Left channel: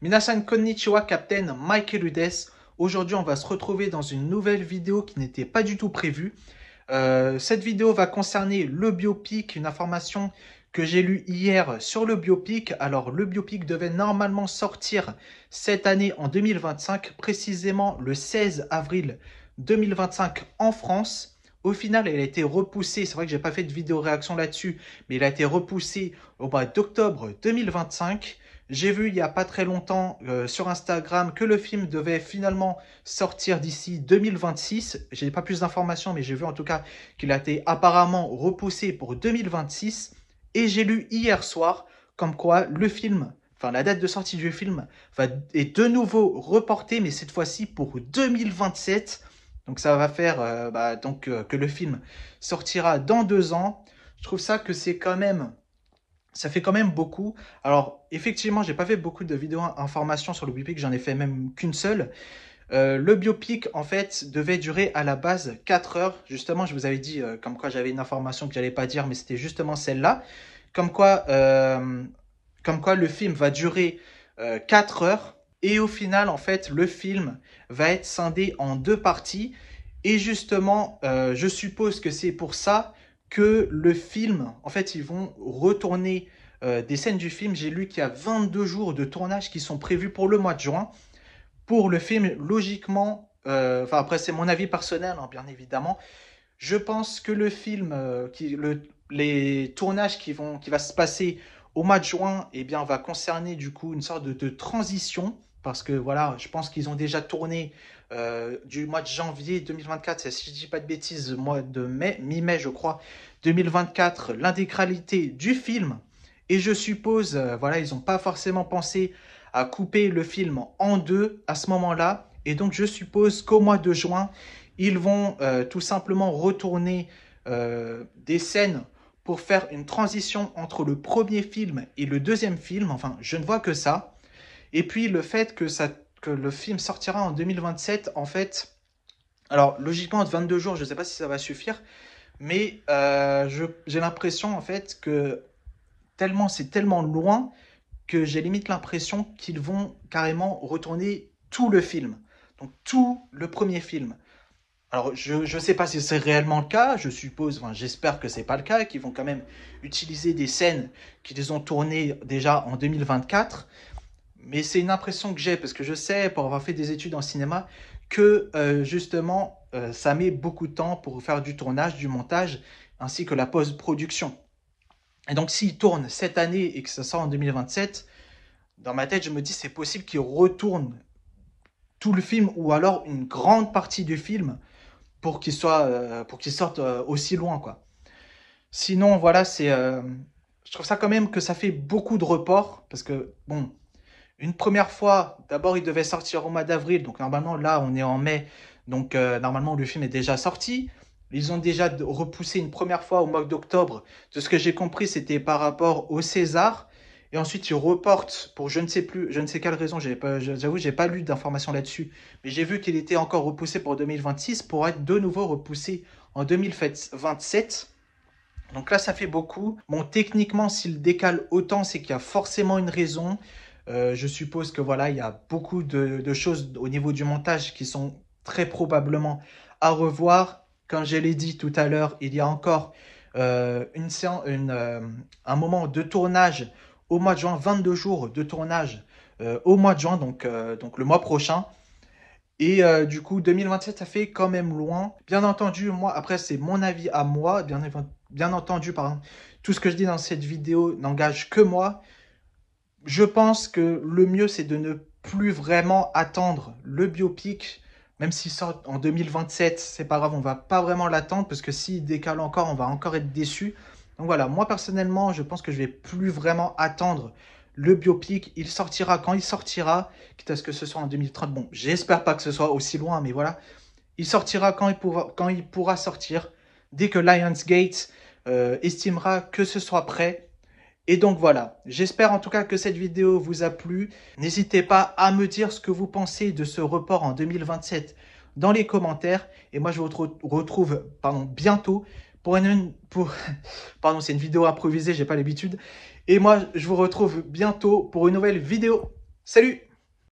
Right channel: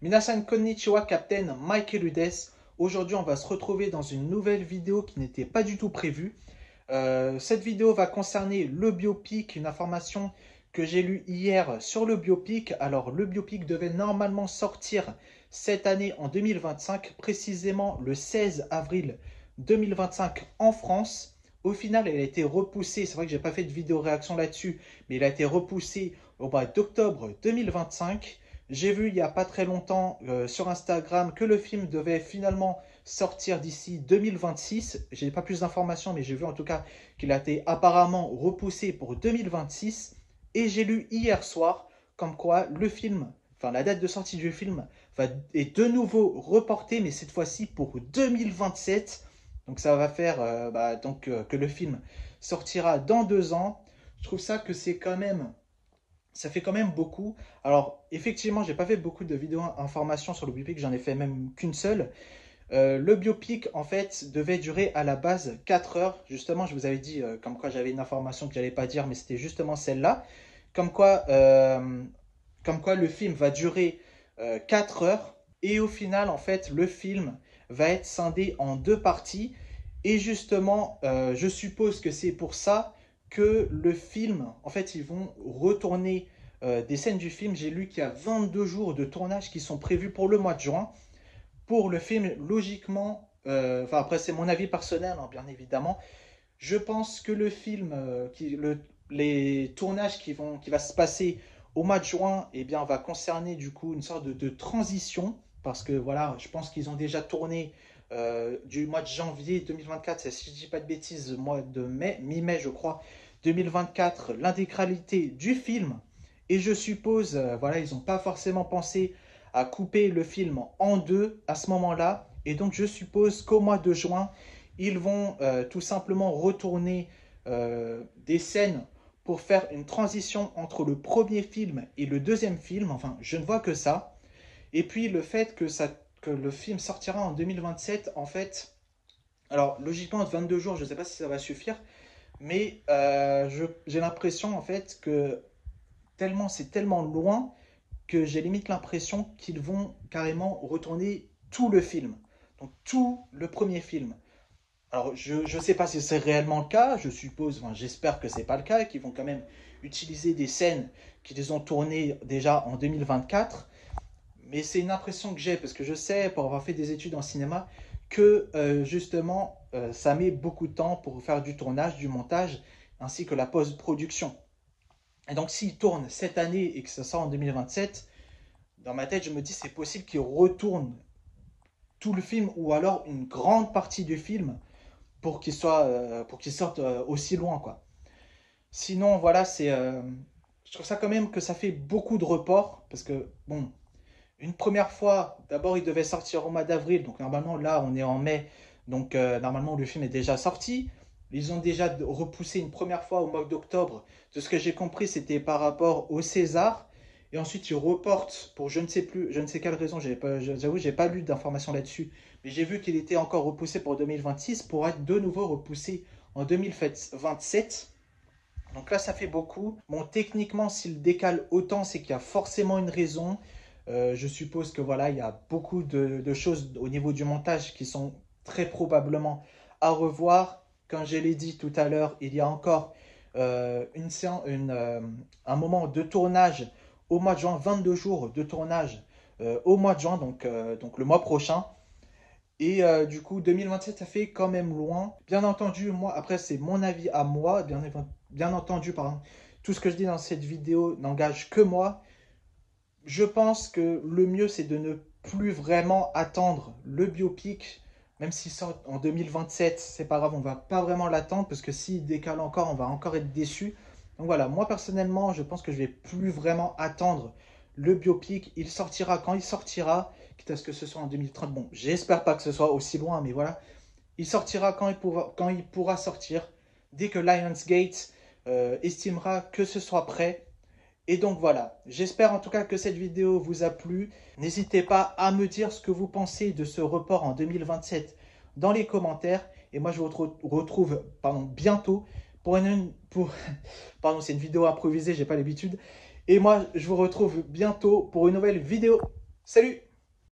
Minasan konnichiwa, Captain Michael Udes. Aujourd'hui, on va se retrouver dans une nouvelle vidéo qui n'était pas du tout prévue. Cette vidéo va concerner le biopic, une information que j'ai lue hier sur le biopic. Alors, le biopic devait normalement sortir cette année en 2025, précisément le 16 avril 2025 en France. Au final, elle a été repoussée. C'est vrai que j'ai pas fait de vidéo réaction là-dessus, mais elle a été repoussée au mois d'octobre 2025. J'ai vu il n'y a pas très longtemps sur Instagram que le film devait finalement sortir d'ici 2026. Je n'ai pas plus d'informations, mais j'ai vu en tout cas qu'il a été apparemment repoussé pour 2026. Et j'ai lu hier soir comme quoi le film, enfin la date de sortie du film, est de nouveau reportée, mais cette fois-ci pour 2027. Donc ça va faire que le film sortira dans 2 ans. Je trouve ça que ça fait quand même beaucoup. Alors, effectivement, j'ai pas fait beaucoup de vidéos informations sur le biopic, j'en ai fait même qu'une seule. Le biopic, en fait, devait durer à la base 4 heures. Justement, je vous avais dit comme quoi j'avais une information que j'allais pas dire, mais c'était justement celle-là. Comme quoi, euh, comme quoi le film va durer 4 heures. Et au final, en fait, le film va être scindé en 2 parties. Et justement, je suppose que c'est pour ça que le film, en fait, ils vont retourner des scènes du film. J'ai lu qu'il y a 22 jours de tournage qui sont prévus pour le mois de juin. Pour le film, logiquement, enfin après c'est mon avis personnel, hein, bien évidemment, je pense que le film, les tournages qui va se passer au mois de juin, eh bien, va concerner du coup une sorte de transition. Parce que voilà, je pense qu'ils ont déjà tourné du mois de janvier 2024, si je ne dis pas de bêtises, mois de mai, mi-mai je crois, 2024, l'intégralité du film. Et je suppose, voilà, ils n'ont pas forcément pensé à couper le film en deux à ce moment-là. Et donc je suppose qu'au mois de juin, ils vont tout simplement retourner des scènes pour faire une transition entre le premier film et le deuxième film. Enfin, je ne vois que ça. Et puis le fait que le film sortira en 2027, en fait, alors logiquement 22 jours, je ne sais pas si ça va suffire, mais j'ai l'impression en fait que c'est tellement loin que j'ai limite l'impression qu'ils vont carrément retourner tout le film. Donc tout le premier film. Alors, je ne sais pas si c'est réellement le cas, je suppose, enfin, j'espère que c'est pas le cas, qu'ils vont quand même utiliser des scènes qu'ils ont tournées déjà en 2024, mais c'est une impression que j'ai, parce que je sais, pour avoir fait des études en cinéma, que justement, ça met beaucoup de temps pour faire du tournage, du montage, ainsi que la post-production. Et donc, s'ils tournent cette année et que ça sort en 2027, dans ma tête, je me dis c'est possible qu'ils retournent tout le film, ou alors une grande partie du film, pour qu'il sorte aussi loin, quoi. Sinon, voilà, je trouve ça quand même que ça fait beaucoup de reports, parce que, bon, une première fois, d'abord, il devait sortir au mois d'avril, donc normalement, là, on est en mai, donc normalement, le film est déjà sorti. Ils ont déjà repoussé une première fois au mois d'octobre. De ce que j'ai compris, c'était par rapport au César. Et ensuite, ils reportent pour je ne sais plus, je ne sais quelle raison, j'avoue, j'ai pas lu d'informations là-dessus. Mais j'ai vu qu'il était encore repoussé pour 2026 pour être de nouveau repoussé en 2027. Donc là, ça fait beaucoup. Bon, techniquement, s'il décale autant, c'est qu'il y a forcément une raison. Je suppose que voilà, il y a beaucoup de choses au niveau du montage qui sont très probablement à revoir. Comme je l'ai dit tout à l'heure, il y a encore un moment de tournage au mois de juin, 22 jours de tournage au mois de juin, donc le mois prochain. Et du coup, 2027, ça fait quand même loin. Bien entendu, moi, après, c'est mon avis à moi. Bien entendu, pardon, tout ce que je dis dans cette vidéo n'engage que moi. Je pense que le mieux, c'est de ne plus vraiment attendre le biopic. Même s'il sort en 2027, c'est pas grave, on va pas vraiment l'attendre parce que s'il décale encore, on va encore être déçu. Donc voilà, moi personnellement, je pense que je vais plus vraiment attendre le biopic. Il sortira quand il sortira, quitte à ce que ce soit en 2030. Bon, j'espère pas que ce soit aussi loin, mais voilà. Il sortira quand il pourra sortir, dès que Lionsgate estimera que ce soit prêt. Et donc voilà, j'espère en tout cas que cette vidéo vous a plu. N'hésitez pas à me dire ce que vous pensez de ce report en 2027 dans les commentaires. Et moi, je vous retrouve bientôt pardon, c'est une vidéo improvisée, j'ai pas l'habitude. Et moi, je vous retrouve bientôt pour une nouvelle vidéo. Salut!